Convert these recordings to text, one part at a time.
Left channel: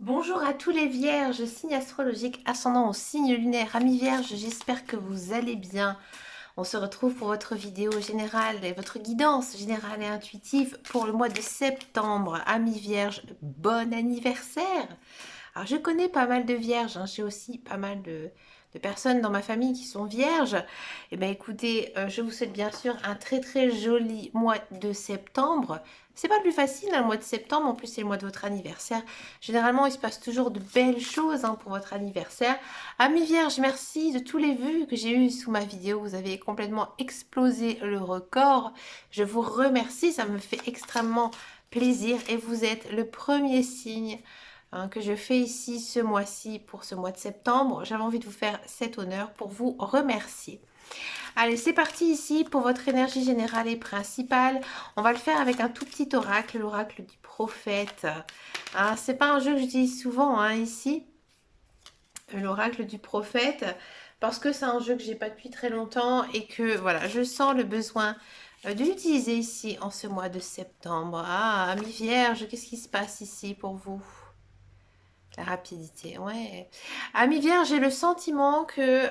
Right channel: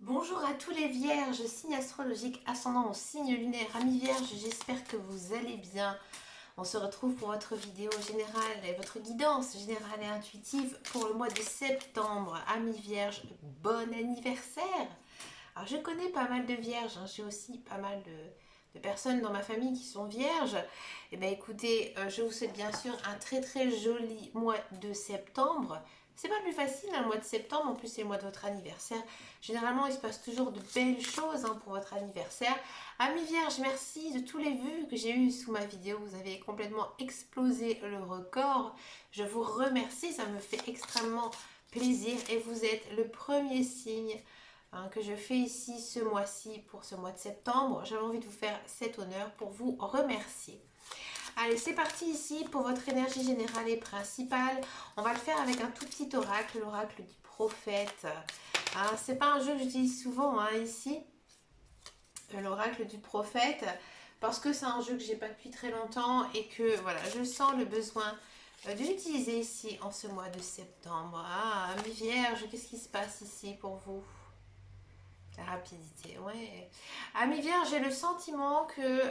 Bonjour à tous les vierges, signe astrologique ascendant au signe lunaire, amis vierges, j'espère que vous allez bien. On se retrouve pour votre vidéo générale et votre guidance générale et intuitive pour le mois de septembre. Amis vierges, bon anniversaire! Alors je connais pas mal de vierges, hein, j'ai aussi pas mal de personnes dans ma famille qui sont vierges. Eh bien écoutez, je vous souhaite bien sûr un très très joli mois de septembre. C'est pas plus facile un mois de septembre, en plus c'est le mois de votre anniversaire. Généralement il se passe toujours de belles choses pour votre anniversaire. Amis vierges, merci de tous les vues que j'ai eues sous ma vidéo. Vous avez complètement explosé le record. Je vous remercie, ça me fait extrêmement plaisir et vous êtes le premier signe que je fais ici ce mois-ci pour ce mois de septembre. J'avais envie de vous faire cet honneur pour vous remercier. Allez, c'est parti ici pour votre énergie générale et principale. On va le faire avec un tout petit oracle, l'oracle du prophète. C'est pas un jeu que j'utilise souvent ici, l'oracle du prophète, parce que c'est un jeu que j'ai pas depuis très longtemps et que voilà, je sens le besoin de l'utiliser ici en ce mois de septembre. Ah, amis vierges, qu'est-ce qui se passe ici pour vous? La rapidité, ouais. Amis vierge, j'ai le sentiment que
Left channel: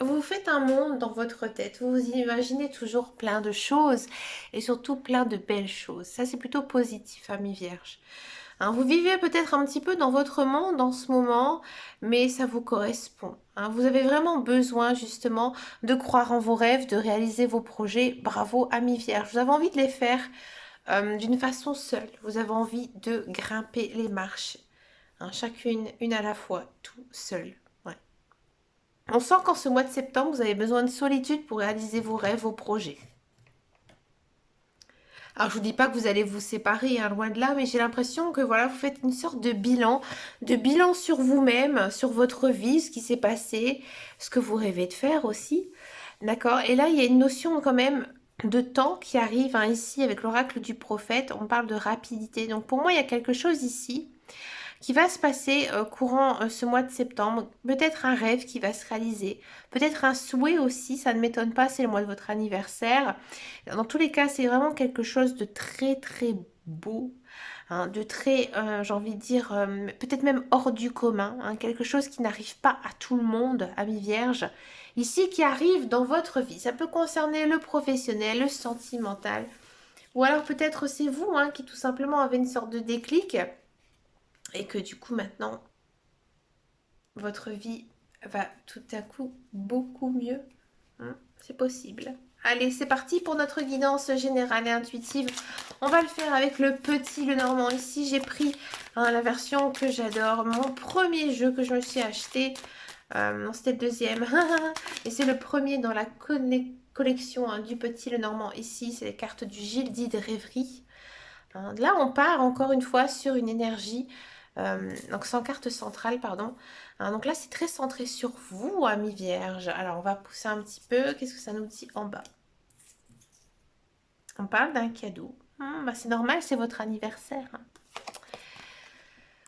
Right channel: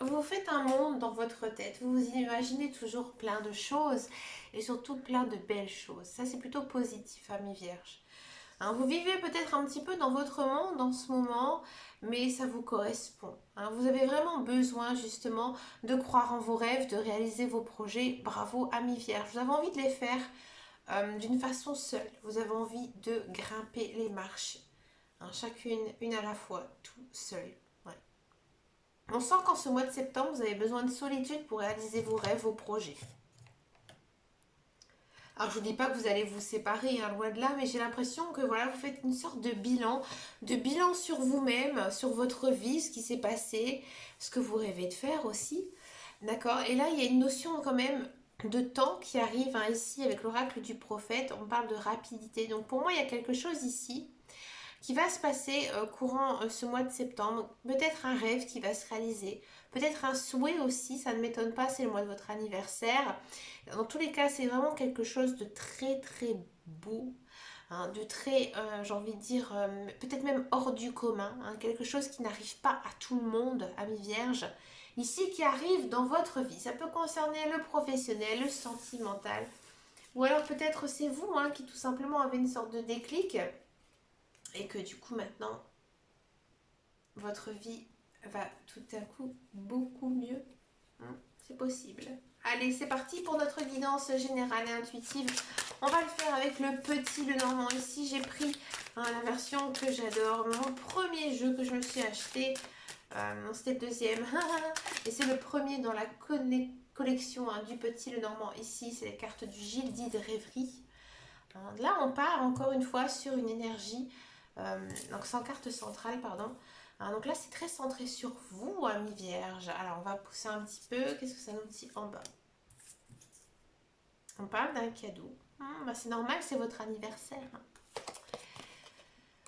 vous faites un monde dans votre tête. Vous vous imaginez toujours plein de choses et surtout plein de belles choses. Ça, c'est plutôt positif, amis vierge. Vous vivez peut-être un petit peu dans votre monde en ce moment, mais ça vous correspond. Vous avez vraiment besoin justement de croire en vos rêves, de réaliser vos projets. Bravo, amis vierge. Vous avez envie de les faire d'une façon seule. Vous avez envie de grimper les marches. Chacune, une à la fois, tout seul. Ouais. On sent qu'en ce mois de septembre, vous avez besoin de solitude pour réaliser vos rêves, vos projets. Alors, je vous dis pas que vous allez vous séparer, loin de là, mais j'ai l'impression que voilà, vous faites une sorte de bilan sur vous-même, sur votre vie, ce qui s'est passé, ce que vous rêvez de faire aussi. D'accord? Et là, il y a une notion quand même de temps qui arrive ici avec l'oracle du prophète. On parle de rapidité. Donc, pour moi, il y a quelque chose ici qui va se passer courant ce mois de septembre. Peut-être un rêve qui va se réaliser, peut-être un souhait aussi, ça ne m'étonne pas, c'est le mois de votre anniversaire. Dans tous les cas, c'est vraiment quelque chose de très très beau, de très, j'ai envie de dire, peut-être même hors du commun, quelque chose qui n'arrive pas à tout le monde, amis vierges, ici qui arrive dans votre vie. Ça peut concerner le professionnel, le sentimental, ou alors peut-être c'est vous qui tout simplement avez une sorte de déclic et que du coup maintenant votre vie va tout à coup beaucoup mieux. C'est possible. Allez, c'est parti pour notre guidance générale et intuitive. On va le faire avec le petit Lenormand. Ici, j'ai pris la version que j'adore. Mon premier jeu que je me suis acheté. Non, c'était le deuxième. Et c'est le premier dans la collection du petit Lenormand. Ici, c'est les cartes du Gildie de Rêverie. Là, on part encore une fois sur une énergie, donc sans carte centrale, pardon. Donc là, c'est très centré sur vous, amis vierges. Alors, on va pousser un petit peu. Qu'est-ce que ça nous dit en bas? On parle d'un cadeau. C'est normal, c'est votre anniversaire.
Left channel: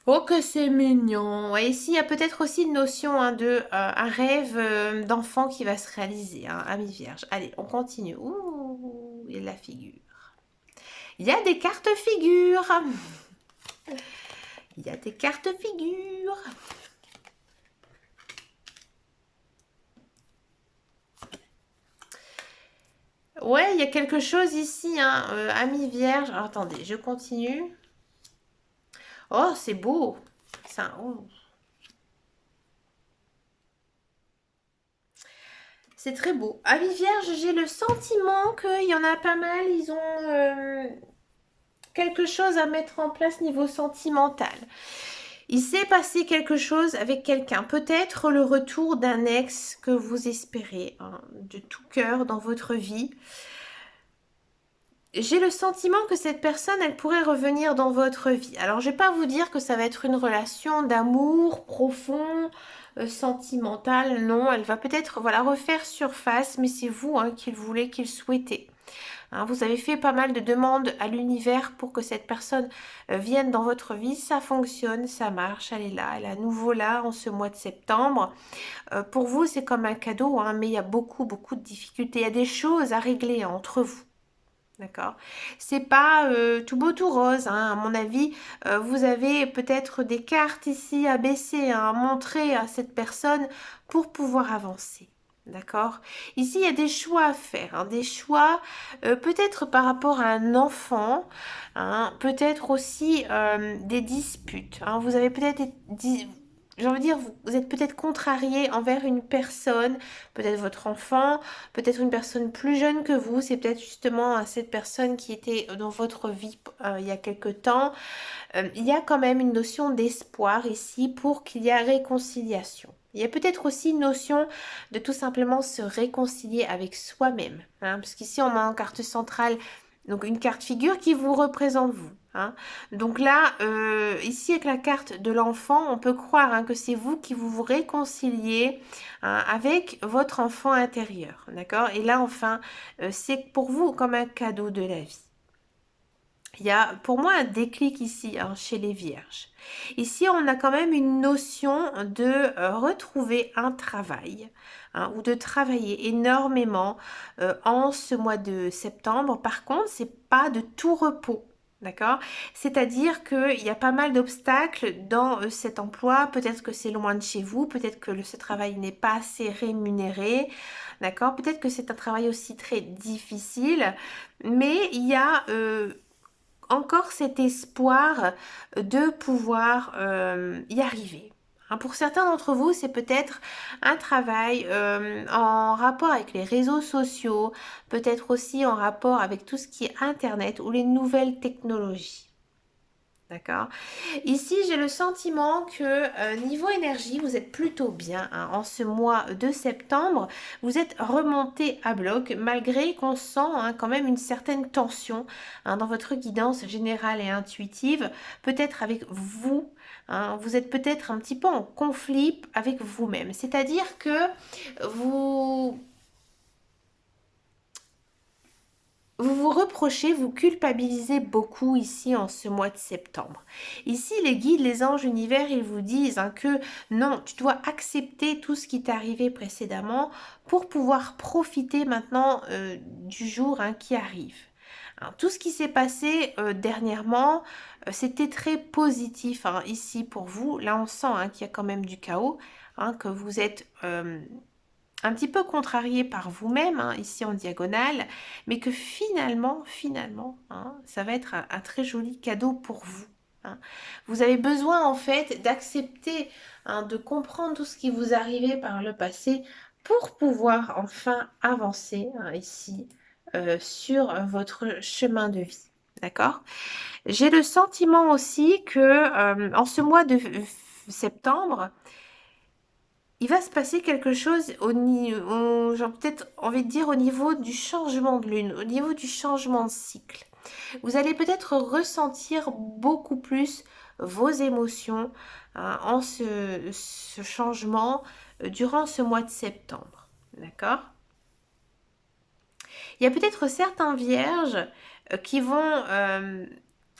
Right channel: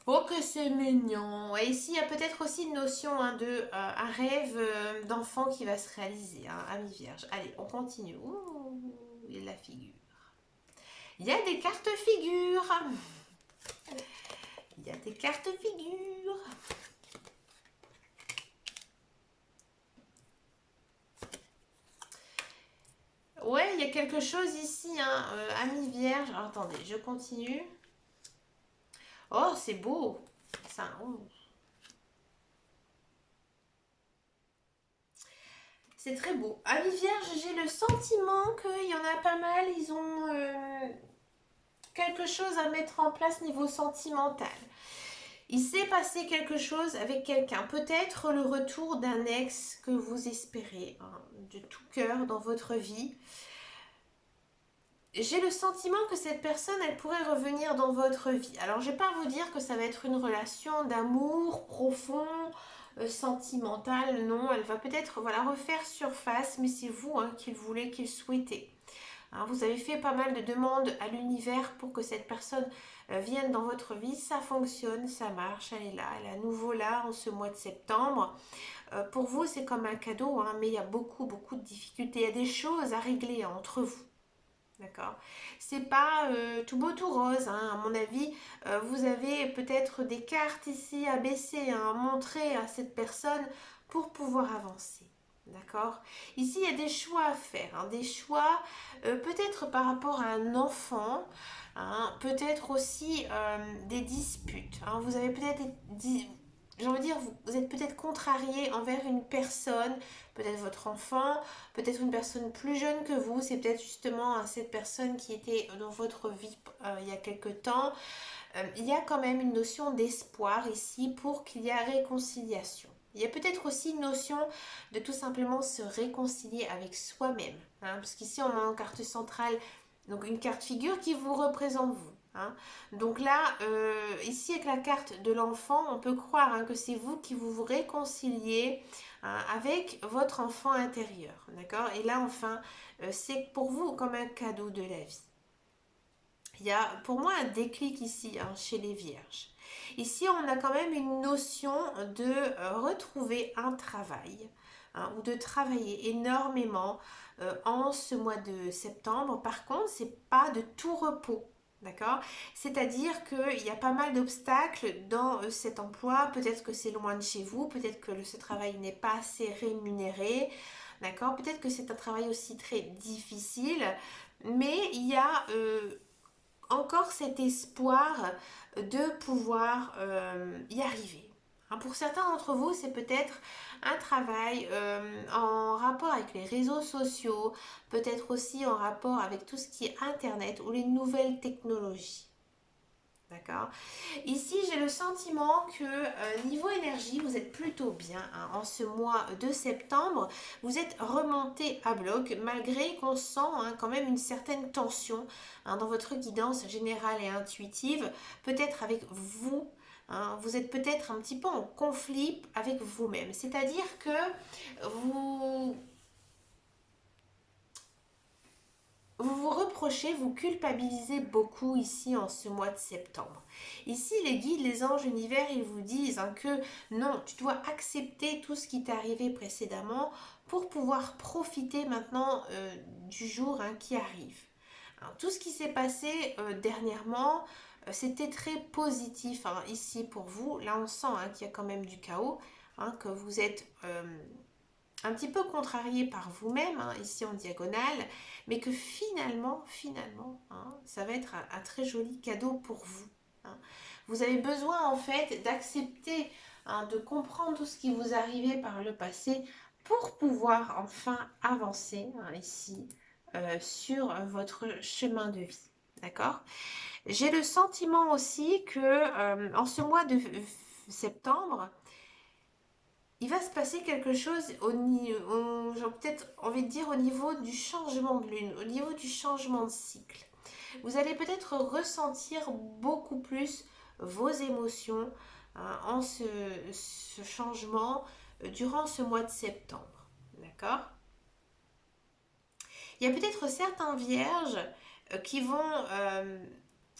Oh, que c'est mignon. Et ici, il y a peut-être aussi une notion de un rêve d'enfant qui va se réaliser, amis vierges. Allez, on continue. Ouh, il y a la figure. Il y a des cartes figures. Il y a des cartes figures. Ouais, il y a quelque chose ici, ami vierge. Alors, attendez, je continue. Oh, c'est beau. Ça, oh. C'est très beau. Ami vierge, j'ai le sentiment qu'il y en a pas mal. Ils ont quelque chose à mettre en place niveau sentimental. Il s'est passé quelque chose avec quelqu'un. Peut-être le retour d'un ex que vous espérez de tout cœur dans votre vie. J'ai le sentiment que cette personne, elle pourrait revenir dans votre vie. Alors, je ne vais pas vous dire que ça va être une relation d'amour profond, sentimental. Non, elle va peut-être voilà, refaire surface, mais c'est vous qui le voulez, qui le souhaitez. Vous avez fait pas mal de demandes à l'univers pour que cette personne vienne dans votre vie. Ça fonctionne, ça marche, elle est là, elle est à nouveau là en ce mois de septembre. Pour vous, c'est comme un cadeau, mais il y a beaucoup, beaucoup de difficultés. Il y a des choses à régler entre vous. D'accord? C'est pas tout beau tout rose, hein. À mon avis, vous avez peut-être des cartes ici à baisser, hein, à montrer à cette personne pour pouvoir avancer. D'accord? Ici, il y a des choix à faire, hein, des choix peut-être par rapport à un enfant, hein, peut-être aussi des disputes, hein. Vous avez peut-être j'ai envie de dire, vous êtes peut-être contrarié envers une personne, peut-être votre enfant, peut-être une personne plus jeune que vous, c'est peut-être justement cette personne qui était dans votre vie il y a quelque temps. Il y a quand même une notion d'espoir ici pour qu'il y ait réconciliation. Il y a peut-être aussi une notion de tout simplement se réconcilier avec soi-même, hein, parce qu'ici on a en carte centrale donc une carte figure qui vous représente vous. Hein. Donc là, ici avec la carte de l'enfant, on peut croire hein, que c'est vous qui vous réconciliez hein, avec votre enfant intérieur. D'accord? Et là, enfin, c'est pour vous comme un cadeau de la vie. Il y a pour moi un déclic ici hein, chez les vierges. Ici, on a quand même une notion de retrouver un travail hein, ou de travailler énormément en ce mois de septembre. Par contre, c'est pas de tout repos. D'accord? C'est-à-dire qu'il y a pas mal d'obstacles dans cet emploi. Peut-être que c'est loin de chez vous, peut-être que ce travail n'est pas assez rémunéré. D'accord? Peut-être que c'est un travail aussi très difficile. Mais il y a encore cet espoir de pouvoir y arriver. Hein, pour certains d'entre vous, c'est peut-être un travail en rapport avec les réseaux sociaux, peut-être aussi en rapport avec tout ce qui est Internet ou les nouvelles technologies. D'accord? Ici, j'ai le sentiment que niveau énergie, vous êtes plutôt bien hein. En ce mois de septembre. Vous êtes remonté à bloc malgré qu'on sent hein, quand même une certaine tension hein, dans votre guidance générale et intuitive, peut-être avec vous. Hein. Vous êtes peut-être un petit peu en conflit avec vous-même. C'est-à-dire que vous vous reprochez, vous culpabilisez beaucoup ici en ce mois de septembre. Ici, les guides, les anges, l'univers, ils vous disent hein, que non, tu dois accepter tout ce qui t'est arrivé précédemment pour pouvoir profiter maintenant du jour hein, qui arrive. Hein, tout ce qui s'est passé dernièrement, c'était très positif hein, ici pour vous. Là, on sent hein, qu'il y a quand même du chaos, hein, que vous êtes un petit peu contrarié par vous-même, hein, ici en diagonale, mais que finalement, hein, ça va être un très joli cadeau pour vous. Hein. Vous avez besoin en fait d'accepter, hein, de comprendre tout ce qui vous arrivait par le passé pour pouvoir enfin avancer hein, ici sur votre chemin de vie. D'accord? J'ai le sentiment aussi que en ce mois de septembre, il va se passer quelque chose au niveau, j'ai peut-être envie de dire au niveau du changement de lune, au niveau du changement de cycle. Vous allez peut-être ressentir beaucoup plus vos émotions hein, en ce changement durant ce mois de septembre. D'accord? Il y a peut-être certains vierges qui vont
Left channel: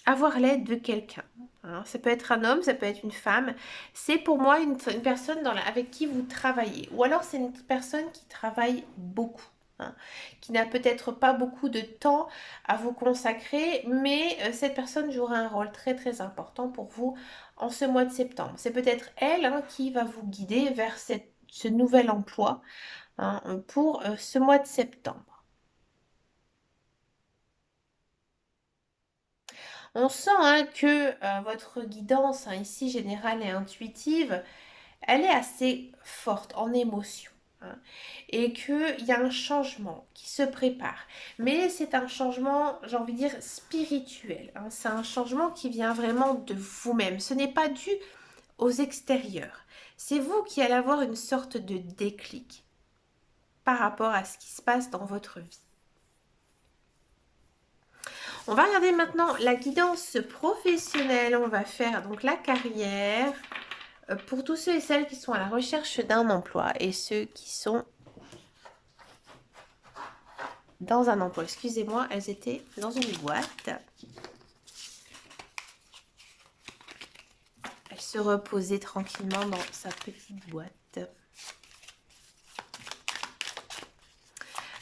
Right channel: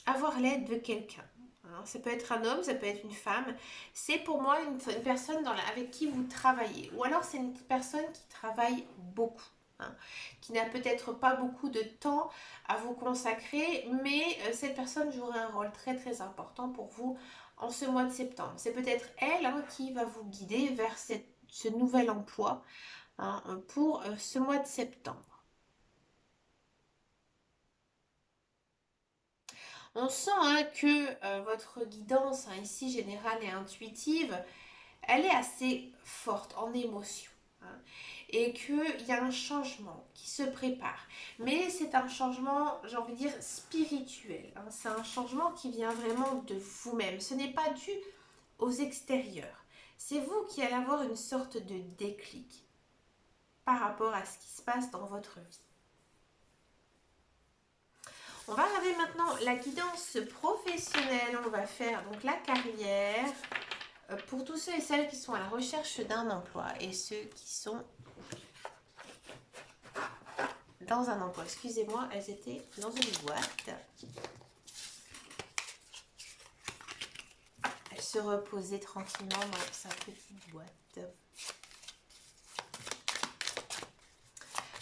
avoir l'aide de quelqu'un. Hein. Ça peut être un homme, ça peut être une femme. C'est pour moi une personne avec qui vous travaillez. Ou alors c'est une personne qui travaille beaucoup. Hein, qui n'a peut-être pas beaucoup de temps à vous consacrer, mais cette personne jouera un rôle très très important pour vous en ce mois de septembre. C'est peut-être elle hein, qui va vous guider vers ce nouvel emploi hein, pour ce mois de septembre. On sent hein, que votre guidance hein, ici générale et intuitive, elle est assez forte en émotion. Hein, et qu'il y a un changement qui se prépare. Mais c'est un changement, j'ai envie de dire, spirituel. Hein, c'est un changement qui vient vraiment de vous-même. Ce n'est pas dû aux extérieurs. C'est vous qui allez avoir une sorte de déclic par rapport à ce qui se passe dans votre vie. On va regarder maintenant la guidance professionnelle. On va faire donc la carrière pour tous ceux et celles qui sont à la recherche d'un emploi et ceux qui sont dans un emploi. Excusez-moi, elles étaient dans une boîte. Elle se reposait tranquillement dans sa petite boîte.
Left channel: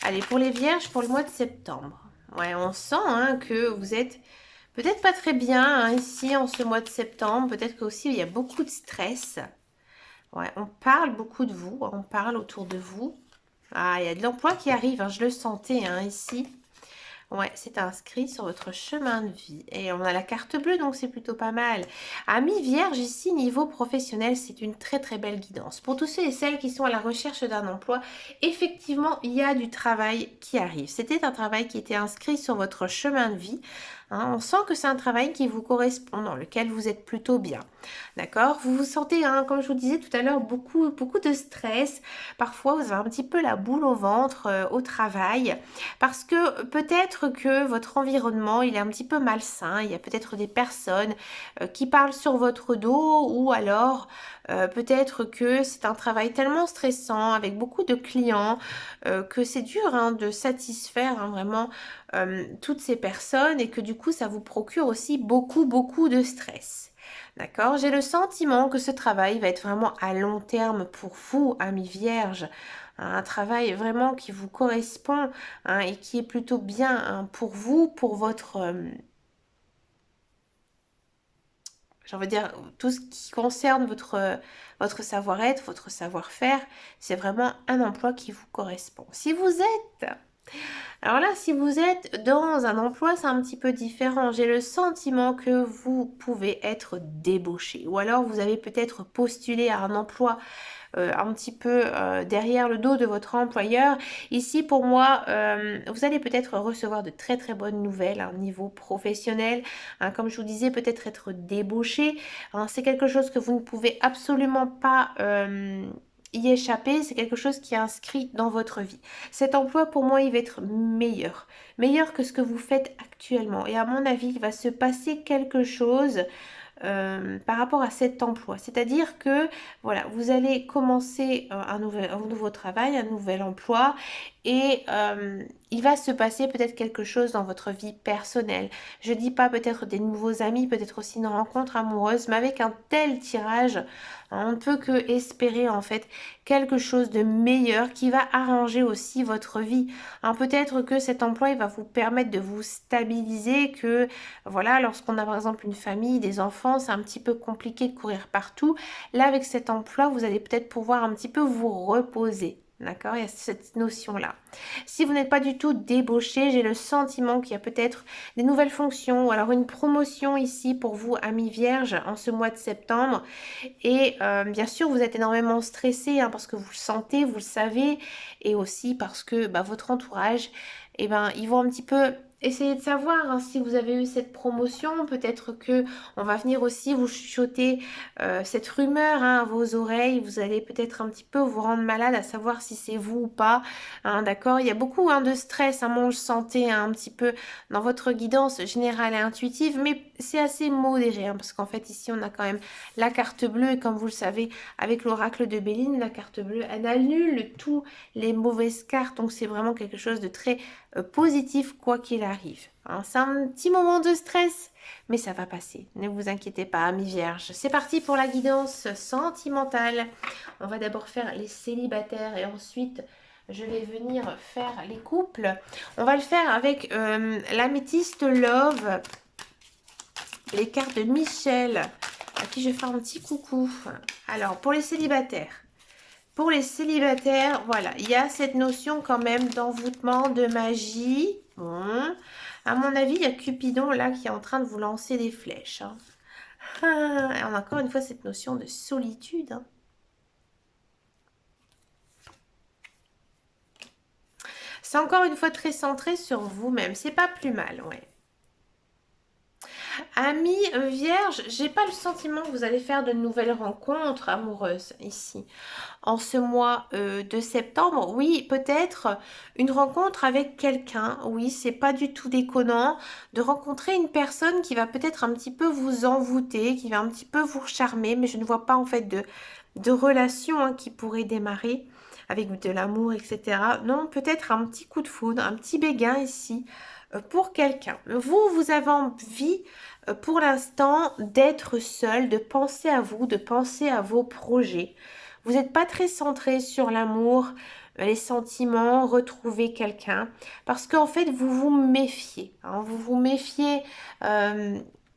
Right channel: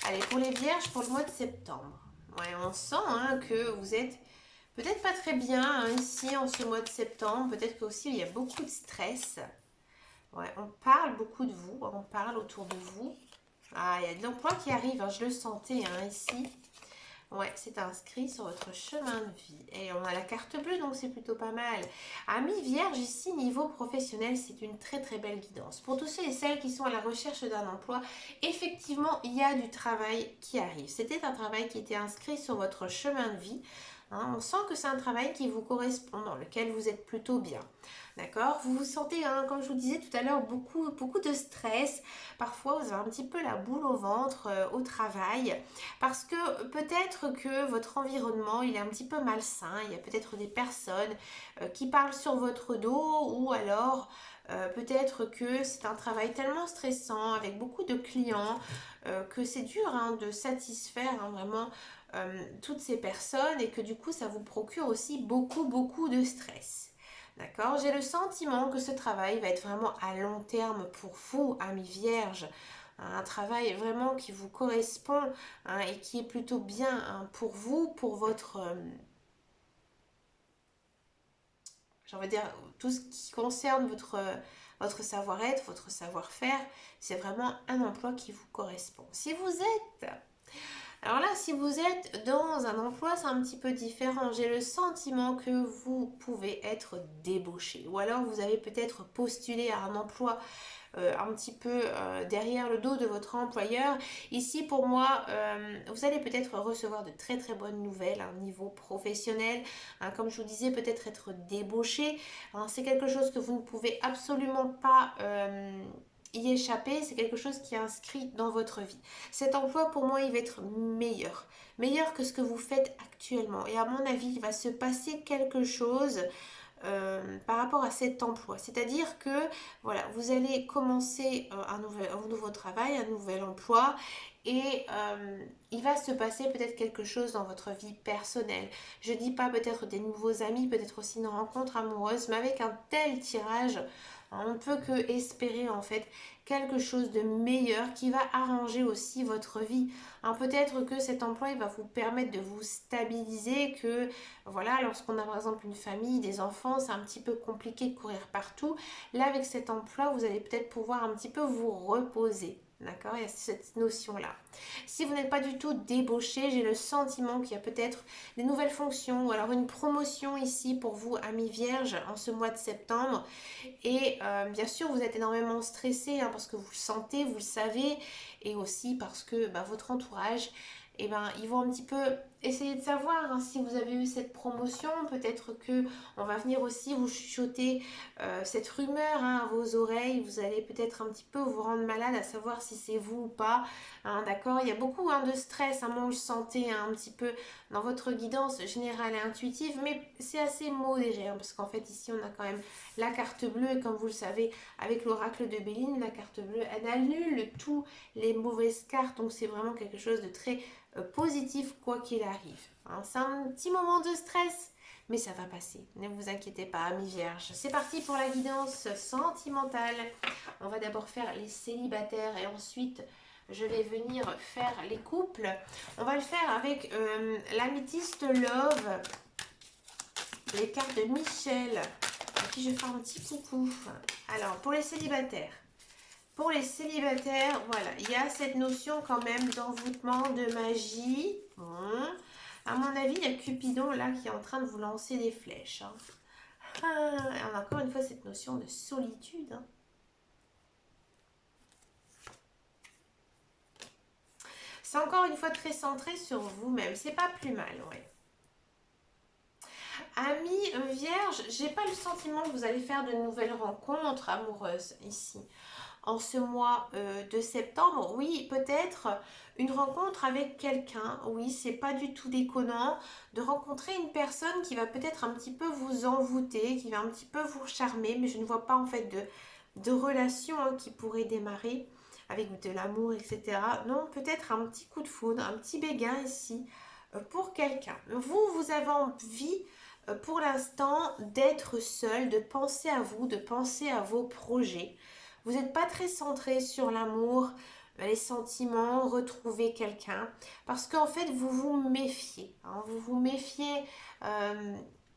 Allez, pour les vierges, pour le mois de septembre. Ouais, on sent hein, que vous êtes peut-être pas très bien hein, ici en ce mois de septembre. Peut-être qu'aussi il y a beaucoup de stress. Ouais, on parle beaucoup de vous, on parle autour de vous. Ah, il y a de l'emploi qui arrive, hein, je le sentais hein, ici. Ouais, c'est inscrit sur votre chemin de vie. Et on a la carte bleue, donc c'est plutôt pas mal. Amis Vierge, ici, niveau professionnel, c'est une très très belle guidance. Pour tous ceux et celles qui sont à la recherche d'un emploi, effectivement, il y a du travail qui arrive. C'était un travail qui était inscrit sur votre chemin de vie. Hein, on sent que c'est un travail qui vous correspond, dans lequel vous êtes plutôt bien. D'accord? Vous vous sentez, hein, comme je vous disais tout à l'heure, beaucoup de stress. Parfois, vous avez un petit peu la boule au ventre au travail. Parce que peut-être que votre environnement, il est un petit peu malsain. Il y a peut-être des personnes qui parlent sur votre dos ou alors peut-être que c'est un travail tellement stressant avec beaucoup de clients que c'est dur hein, de satisfaire hein, vraiment toutes ces personnes et que du coup, ça vous procure aussi beaucoup de stress. D'accord? J'ai le sentiment que ce travail va être vraiment à long terme pour vous, amis vierges. Un travail vraiment qui vous correspond hein, et qui est plutôt bien hein, pour vous, pour votre, j'ai envie de dire, tout ce qui concerne votre savoir-être, votre savoir-faire. C'est vraiment un emploi qui vous correspond. Si vous êtes alors là, si vous êtes dans un emploi, c'est un petit peu différent. J'ai le sentiment que vous pouvez être débauché ou alors vous avez peut-être postulé à un emploi un petit peu derrière le dos de votre employeur. Ici, pour moi, vous allez peut-être recevoir de très très bonnes nouvelles à un niveau professionnel. Hein, comme je vous disais, peut-être être débauché. Hein, c'est quelque chose que vous ne pouvez absolument pas y échapper, c'est quelque chose qui est inscrit dans votre vie. Cet emploi, pour moi, il va être meilleur. Meilleur que ce que vous faites actuellement. Et à mon avis, il va se passer quelque chose par rapport à cet emploi. C'est-à-dire que voilà, vous allez commencer un nouveau travail, un nouvel emploi et il va se passer peut-être quelque chose dans votre vie personnelle. Je dis pas peut-être des nouveaux amis, peut-être aussi une rencontre amoureuse, mais avec un tel tirage, on ne peut que espérer en fait quelque chose de meilleur qui va arranger aussi votre vie. Hein, peut-être que cet emploi il va vous permettre de vous stabiliser, que voilà, lorsqu'on a par exemple une famille, des enfants, c'est un petit peu compliqué de courir partout. Là, avec cet emploi, vous allez peut-être pouvoir un petit peu vous reposer. D'accord? Il y a cette notion-là. Si vous n'êtes pas du tout débauché, j'ai le sentiment qu'il y a peut-être des nouvelles fonctions ou alors une promotion ici pour vous, amis vierges, en ce mois de septembre. Et bien sûr, vous êtes énormément stressé hein, parce que vous le sentez, vous le savez, et aussi parce que bah, votre entourage, eh ben, ils vont un petit peu essayer de savoir hein, si vous avez eu cette promotion. Peut-être que on va venir aussi vous chuchoter cette rumeur hein, à vos oreilles. Vous allez peut-être un petit peu vous rendre malade à savoir si c'est vous ou pas. Hein, d'accord? Il y a beaucoup hein, de stress. Hein, moi, je le sentais hein, un petit peu dans votre guidance générale et intuitive, mais c'est assez modéré hein, parce qu'en fait ici on a quand même la carte bleue et comme vous le savez avec l'oracle de Béline, la carte bleue elle annule tous les mauvaises cartes donc c'est vraiment quelque chose de très positif quoi qu'il arrive. Hein, c'est un petit moment de stress mais ça va passer, ne vous inquiétez pas amis vierges. C'est parti pour la guidance sentimentale. On va d'abord faire les célibataires et ensuite je vais venir faire les couples. On va le faire avec l'améthyste Love, les cartes de Michel, à qui je fais un petit coucou. Alors, pour les célibataires, voilà, il y a cette notion quand même d'envoûtement, de magie. Bon, à mon avis, il y a Cupidon là qui est en train de vous lancer des flèches. Hein. Et on a encore une fois cette notion de solitude. Hein. C'est encore une fois très centré sur vous-même. C'est pas plus mal, ouais. Amis vierge, j'ai pas le sentiment que vous allez faire de nouvelles rencontres amoureuses ici. En ce mois de septembre, oui, peut-être une rencontre avec quelqu'un. Oui, c'est pas du tout déconnant de rencontrer une personne qui va peut-être un petit peu vous envoûter, qui va un petit peu vous charmer, mais je ne vois pas en fait de relation hein, qui pourrait démarrer avec de l'amour, etc. Non, peut-être un petit coup de foudre, un petit béguin ici pour quelqu'un. Vous avez envie pour l'instant d'être seul, de penser à vous, de penser à vos projets. Vous n'êtes pas très centré sur l'amour, les sentiments, retrouver quelqu'un. Parce qu'en fait, vous vous méfiez. Hein, vous vous méfiez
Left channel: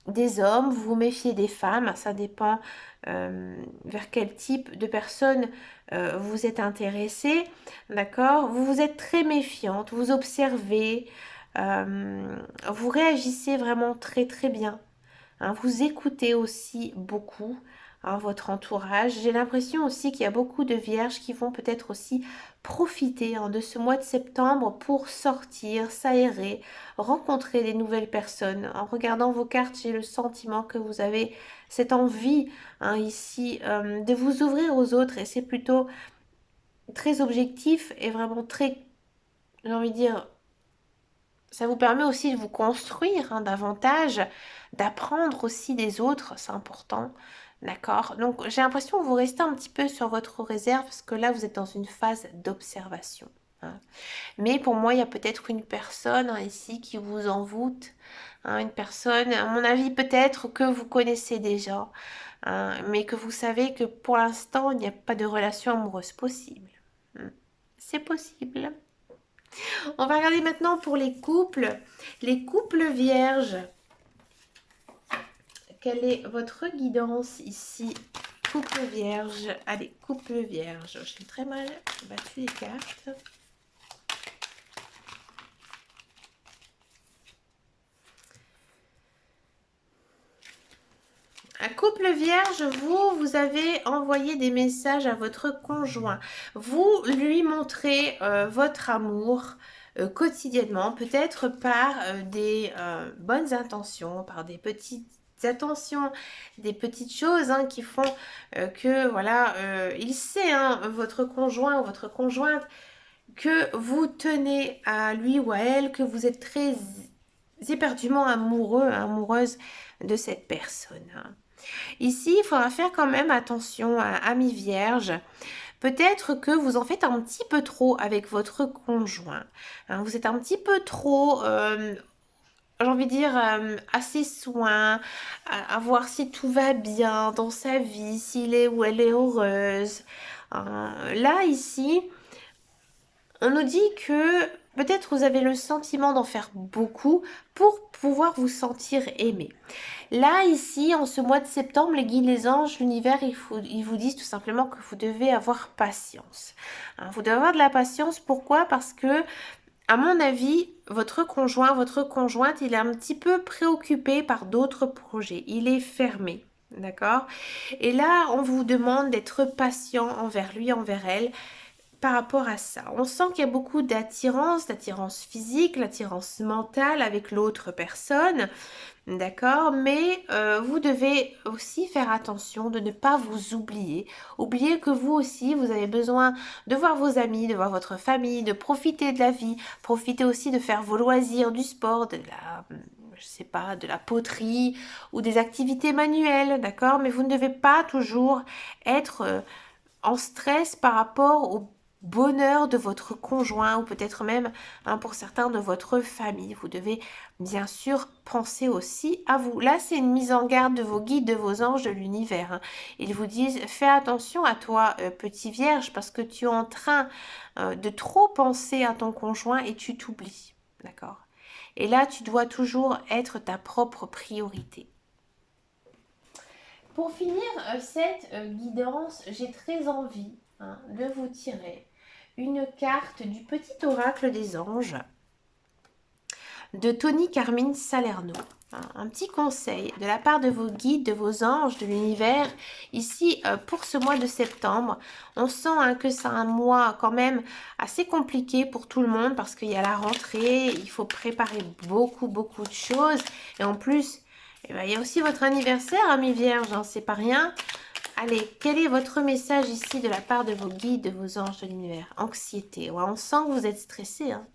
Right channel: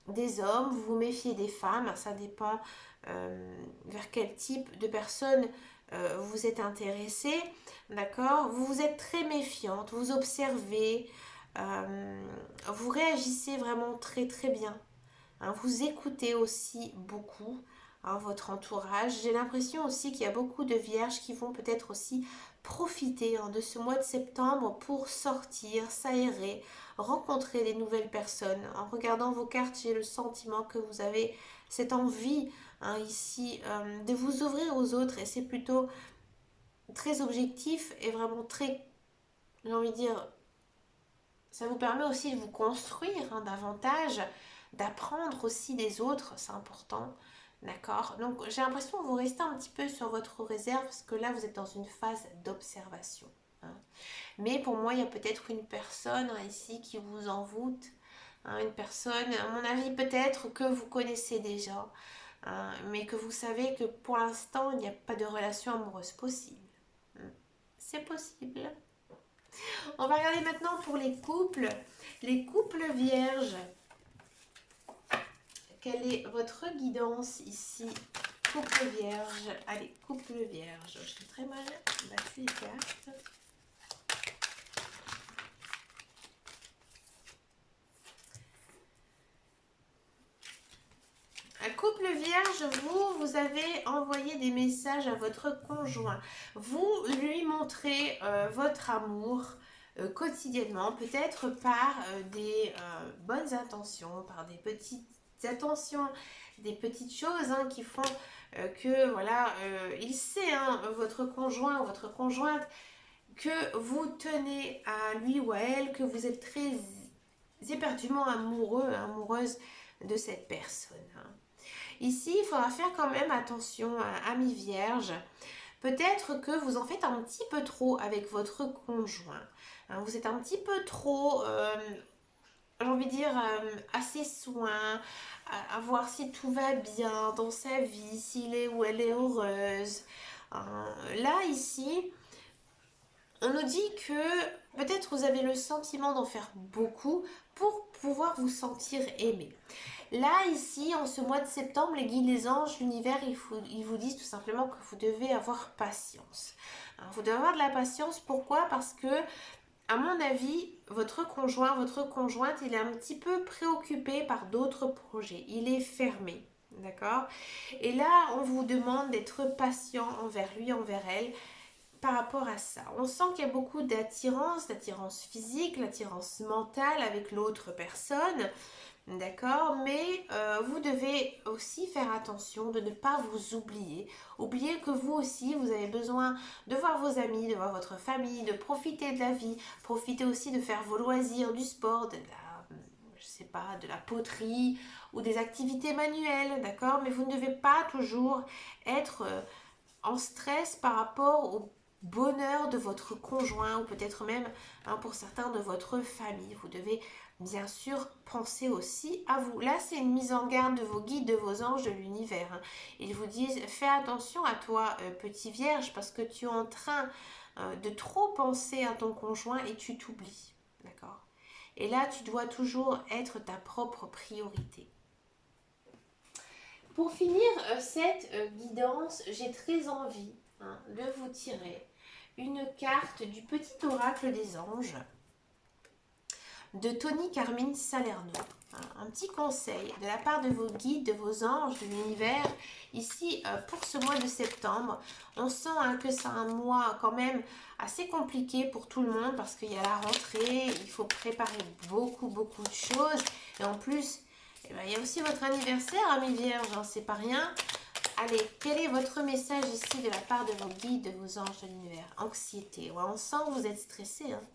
des hommes, vous vous méfiez des femmes. Ça dépend vers quel type de personne vous êtes intéressé. D'accord? Vous vous êtes très méfiante, vous observez, vous réagissez vraiment très très bien. Hein, vous écoutez aussi beaucoup, hein, votre entourage. J'ai l'impression aussi qu'il y a beaucoup de vierges qui vont peut-être aussi profiter, hein, de ce mois de septembre pour sortir, s'aérer, rencontrer des nouvelles personnes. En regardant vos cartes, j'ai le sentiment que vous avez cette envie, hein, ici, de vous ouvrir aux autres, et c'est plutôt très objectif et vraiment très, j'ai envie de dire, ça vous permet aussi de vous construire, hein, davantage, d'apprendre aussi des autres, c'est important. D'accord? Donc j'ai l'impression que vous restez un petit peu sur votre réserve parce que là vous êtes dans une phase d'observation. Hein. Mais pour moi, il y a peut-être une personne, hein, ici qui vous envoûte. Hein, une personne, à mon avis, peut-être que vous connaissez déjà, hein, mais que vous savez que pour l'instant, il n'y a pas de relation amoureuse possible. Hmm. C'est possible. On va regarder maintenant pour les couples. Les couples vierges. Quelle est votre guidance ici? Couple vierge. Allez, couple vierge. J'ai très mal battu les cartes. Un couple vierge, vous avez envoyé des messages à votre conjoint. Vous lui montrez votre amour quotidiennement, peut-être par des bonnes intentions, par des petites attentions, des petites choses, hein, qui font que, voilà, il sait, hein, votre conjoint ou votre conjointe, que vous tenez à lui ou à elle, que vous êtes très éperdument amoureux, amoureuse de cette personne. Hein. Ici, il faudra faire quand même attention à amis vierges. Peut-être que vous en faites un petit peu trop avec votre conjoint. Hein, vous êtes un petit peu trop, j'ai envie de dire, assez soin, à voir si tout va bien dans sa vie, s'il est ou elle est heureuse. Là, ici, on nous dit que peut-être vous avez le sentiment d'en faire beaucoup pour pouvoir vous sentir aimé. Là, ici, en ce mois de septembre, les guides, les anges, l'univers, ils vous disent tout simplement que vous devez avoir patience. Hein, vous devez avoir de la patience. Pourquoi? Parce que, à mon avis, votre conjoint, votre conjointe, il est un petit peu préoccupé par d'autres projets. Il est fermé. D'accord? Et là, on vous demande d'être patient envers lui, envers elle, par rapport à ça. On sent qu'il y a beaucoup d'attirance physique, l'attirance mentale avec l'autre personne. D'accord, mais vous devez aussi faire attention de ne pas vous oublier. Oubliez que vous aussi, vous avez besoin de voir vos amis, de voir votre famille, de profiter de la vie, profiter aussi de faire vos loisirs, du sport, de la, je sais pas, de la poterie ou des activités manuelles, d'accord? Mais vous ne devez pas toujours être en stress par rapport au bonheur de votre conjoint ou peut-être même, hein, pour certains, de votre famille. Vous devez bien sûr penser aussi à vous. Là, c'est une mise en garde de vos guides, de vos anges, de l'univers. Hein. Ils vous disent, fais attention à toi, petit vierge, parce que tu es en train de trop penser à ton conjoint et tu t'oublies. D'accord? Et là, tu dois toujours être ta propre priorité. Pour finir cette guidance, j'ai très envie, hein, de vous tirer une carte du petit oracle des anges de Tony Carmine Salerno. Un petit conseil de la part de vos guides, de vos anges, de l'univers. Ici, pour ce mois de septembre, on sent, hein, que c'est un mois quand même assez compliqué pour tout le monde parce qu'il y a la rentrée, il faut préparer beaucoup de choses. Et en plus, eh ben, il y a aussi votre anniversaire, amis vierges, hein, c'est pas rien. Allez, quel est votre message ici de la part de vos guides, de vos anges de l'univers? Anxiété, ouais, on sent que vous êtes stressé. Hein.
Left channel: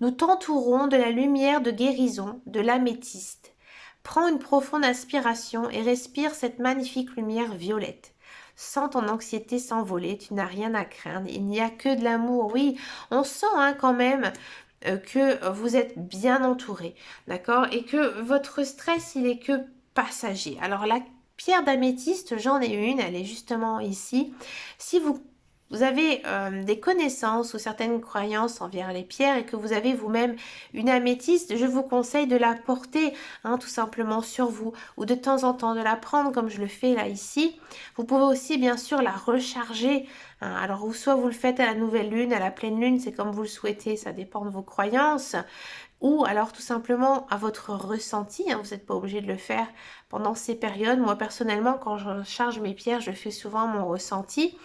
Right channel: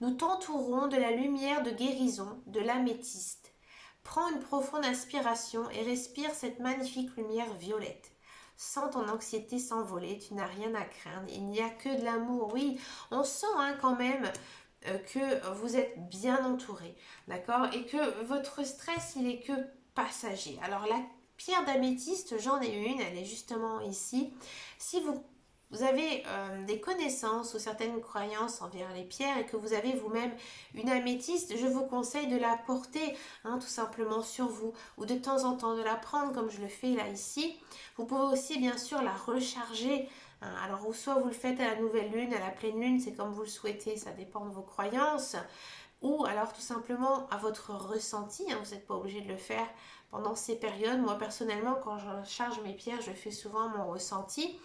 Nous t'entourons de la lumière de guérison, de l'améthyste. Prends une profonde inspiration et respire cette magnifique lumière violette. Sens ton anxiété s'envoler, tu n'as rien à craindre, il n'y a que de l'amour. Oui, on sent, hein, quand même que vous êtes bien entouré, d'accord? Et que votre stress, il est que passager. Alors la pierre d'améthyste, j'en ai une, elle est justement ici. Si vous vous avez des connaissances ou certaines croyances envers les pierres et que vous avez vous-même une améthyste, je vous conseille de la porter tout simplement sur vous ou de temps en temps de la prendre comme je le fais là ici. Vous pouvez aussi bien sûr la recharger. Alors, ou soit vous le faites à la nouvelle lune, à la pleine lune, c'est comme vous le souhaitez, ça dépend de vos croyances. Ou alors tout simplement à votre ressenti, vous n'êtes pas obligé de le faire pendant ces périodes. Moi personnellement, quand je charge mes pierres, je fais souvent mon ressenti.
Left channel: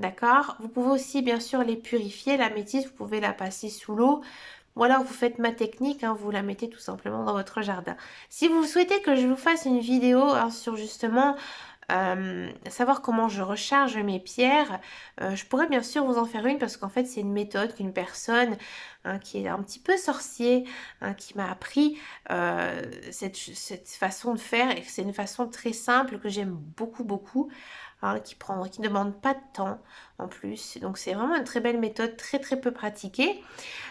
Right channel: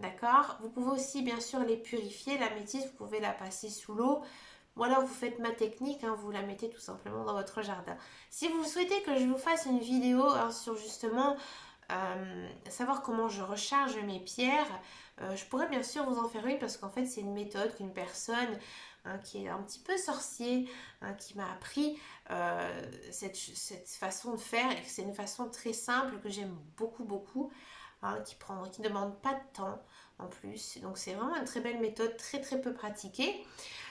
D'accord. Vous pouvez aussi bien sûr les purifier. La métisse, vous pouvez la passer sous l'eau. Ou alors vous faites ma technique, vous la mettez tout simplement dans votre jardin. Si vous souhaitez que je vous fasse une vidéo sur justement savoir comment je recharge mes pierres, je pourrais bien sûr vous en faire une parce qu'en fait c'est une méthode qu'une personne qui est un petit peu sorcier, qui m'a appris cette façon de faire et c'est une façon très simple que j'aime beaucoup beaucoup. Qui ne demande pas de temps en plus. Donc c'est vraiment une très belle méthode, très très peu pratiquée.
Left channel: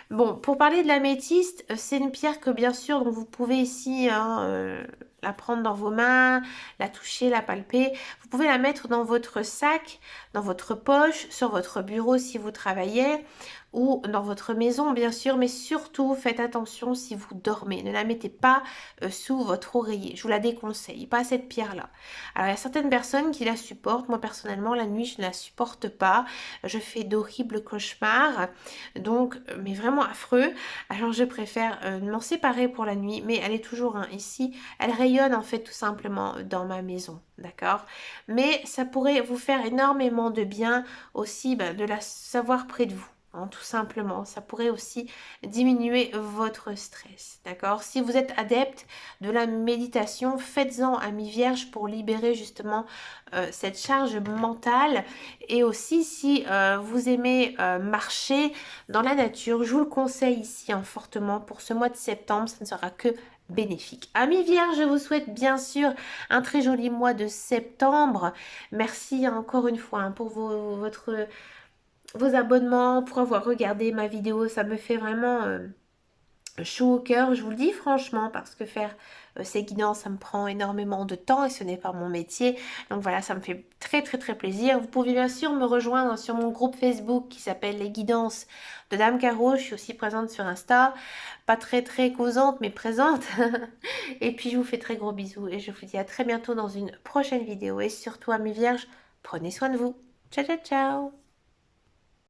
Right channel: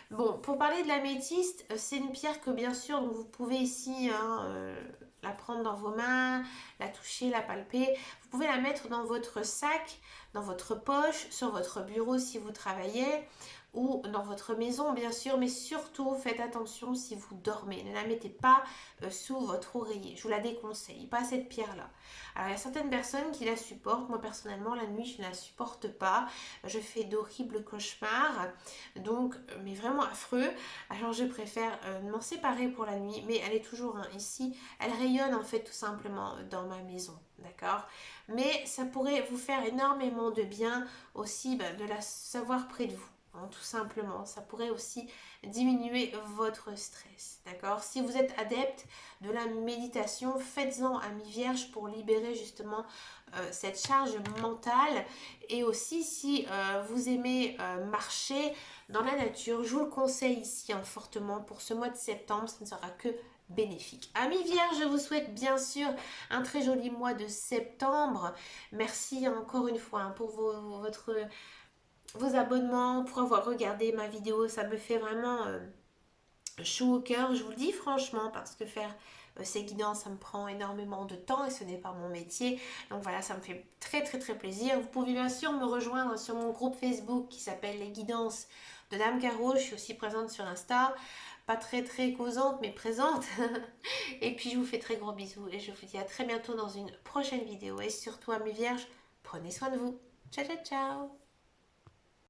Bon, pour parler de l'améthyste, c'est une pierre que bien sûr, donc vous pouvez ici la prendre dans vos mains, la toucher, la palper. Vous pouvez la mettre dans votre sac, dans votre poche, sur votre bureau si vous travaillez ou dans votre maison bien sûr, mais surtout faites attention si vous dormez. Ne la mettez pas sous votre oreiller. Je vous la déconseille, pas cette pierre-là. Alors il y a certaines personnes qui la supportent. Moi personnellement, la nuit, je ne la supporte pas. Je fais d'horribles cauchemars. Donc, mais vraiment affreux. Alors je préfère m'en séparer pour la nuit, mais elle est toujours ici. Elle rayonne en fait tout simplement dans ma maison, d'accord? Mais ça pourrait vous faire énormément de bien aussi de la savoir près de vous. Tout simplement, ça pourrait aussi diminuer votre stress, d'accord? Si vous êtes adepte de la méditation, faites-en à mi-vierge pour libérer justement cette charge mentale. Et aussi, si vous aimez marcher dans la nature, je vous le conseille ici fortement pour ce mois de septembre, ça ne sera que bénéfique. Amis vierges, je vous souhaite bien sûr un très joli mois de septembre. Merci encore une fois pour vos abonnements, pour avoir regardé ma vidéo. Ça me fait vraiment chaud au cœur, je vous le dis franchement, parce que faire ces guidances, ça me prend énormément de temps et ce n'est pas mon métier. Donc voilà, ça me fait très très très plaisir. Vous pouvez bien sûr me rejoindre sur mon groupe Facebook qui s'appelle Les Guidances de Dame Caro. Je suis aussi présente sur Insta, pas très très causante mais présente. Et puis je vous fais très gros bisous et je vous dis à très bientôt dans une prochaine vidéo. Et surtout, amis vierges, prenez soin de vous. Ciao ciao ciao.